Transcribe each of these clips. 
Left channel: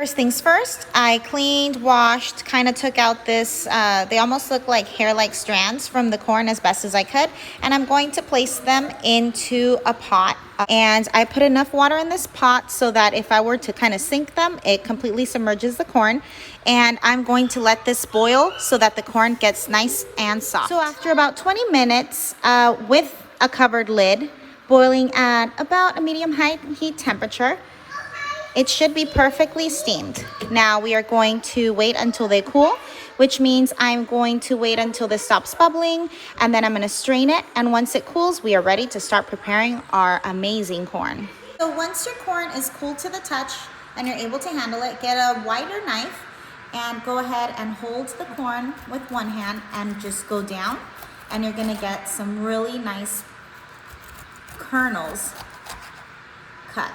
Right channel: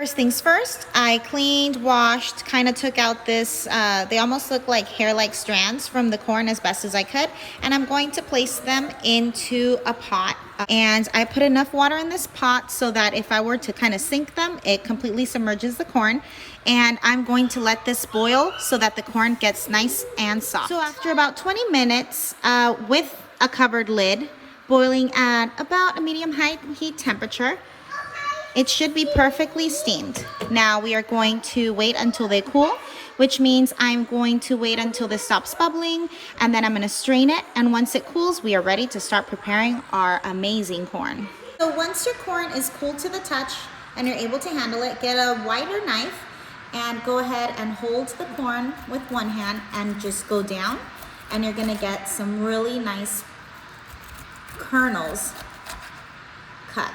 First things first, I cleaned, washed, kind of took out this, they almost look like hair-like strands from the corn as best as I could. And I'm going to place them into a pot. And I put enough water in this pot so that if I were to kind of sink them, it completely submerges the corn. And I'm going to let this boil so that the corn gets nice and soft. So after about 20 minutes with a covered lid, boiling at about a medium heat temperature, it should be perfectly steamed. Now we are going to wait until they cool, which means I'm going to wait until this stops bubbling, and then I'm going to strain it. And once it cools, we are ready to start preparing our amazing corn. So once your corn is cooled to the touch and you're able to handle it, get a wider knife and go ahead and hold the corn with one hand and just go down. And you're going to get some really nice kernels cut.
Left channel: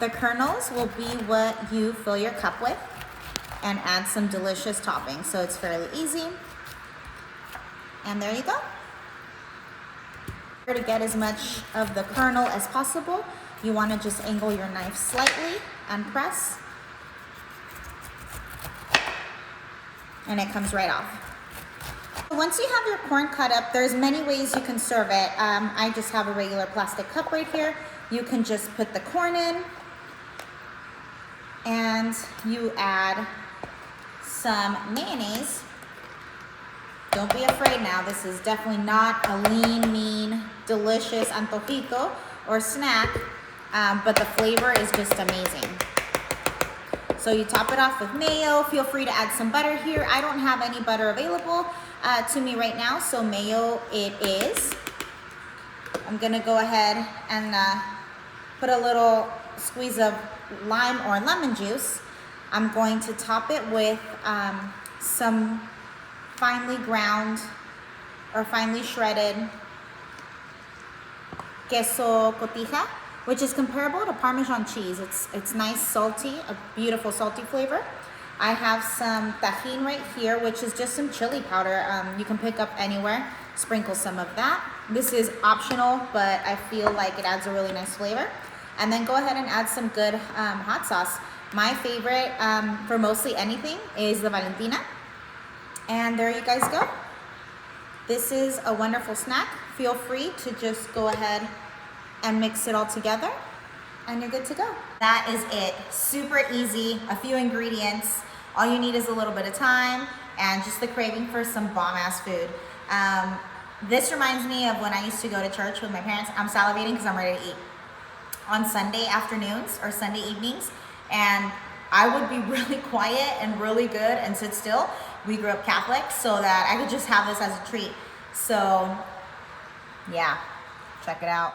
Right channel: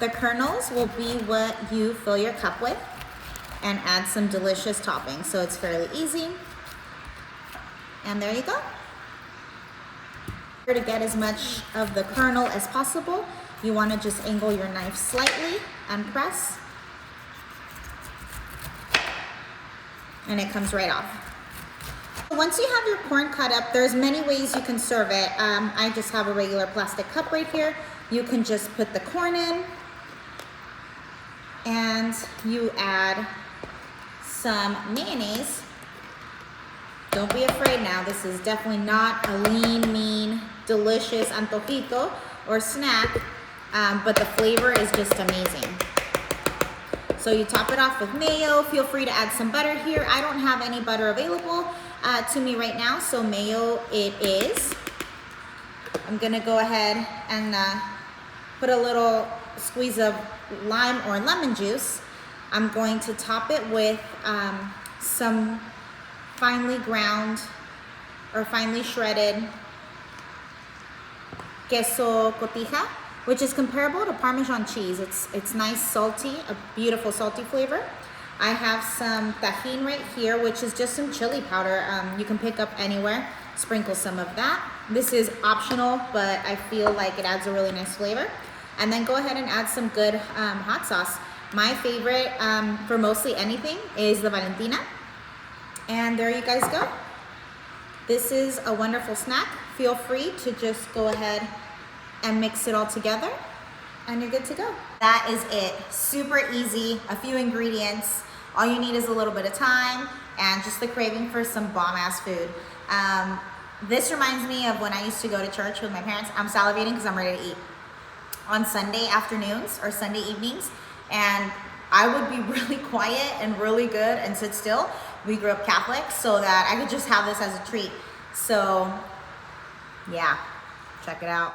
The kernels will be what you fill your cup with and add some delicious toppings. So it's fairly easy. And there you go. To get as much of the kernel as possible, you want to just angle your knife slightly and press. And it comes right off. Once you have your corn cut up, there's many ways you can serve it. I just have a regular plastic cup right here. You can just put the corn in, and you add some mayonnaise. Don't be afraid now. This is definitely not a lean, mean, delicious antojito or snack, but the flavor is just amazing. So you top it off with mayo. Feel free to add some butter here. I don't have any butter available to me right now, so mayo it is. I'm gonna go ahead and put a little squeeze of lime or lemon juice. I'm going to top it with some finely ground or finely shredded queso cotija, which is comparable to Parmesan cheese. It's nice, salty, a beautiful salty flavor. I have some tajin right here, which is just some chili powder. You can pick up anywhere. Sprinkle some of that. This is optional, but I feel like it adds a really nice flavor. And then go ahead and add some good hot sauce. My favorite for mostly anything is the Valentina. And there you guys go. This is a wonderful snack. Feel free to just go ahead and mix it all together and you're good to go. That is it. Super easy, a few ingredients. All you need is a little bit of time and just the craving for some bomb-ass food. This reminds me of when I used to go to church with my parents. I'm salivating because I'm ready to eat. On Sunday afternoons or Sunday evenings, and I would be really quiet and really good and sit still. We grew up Catholic, so that I could just have this as a treat. So yeah, check it out.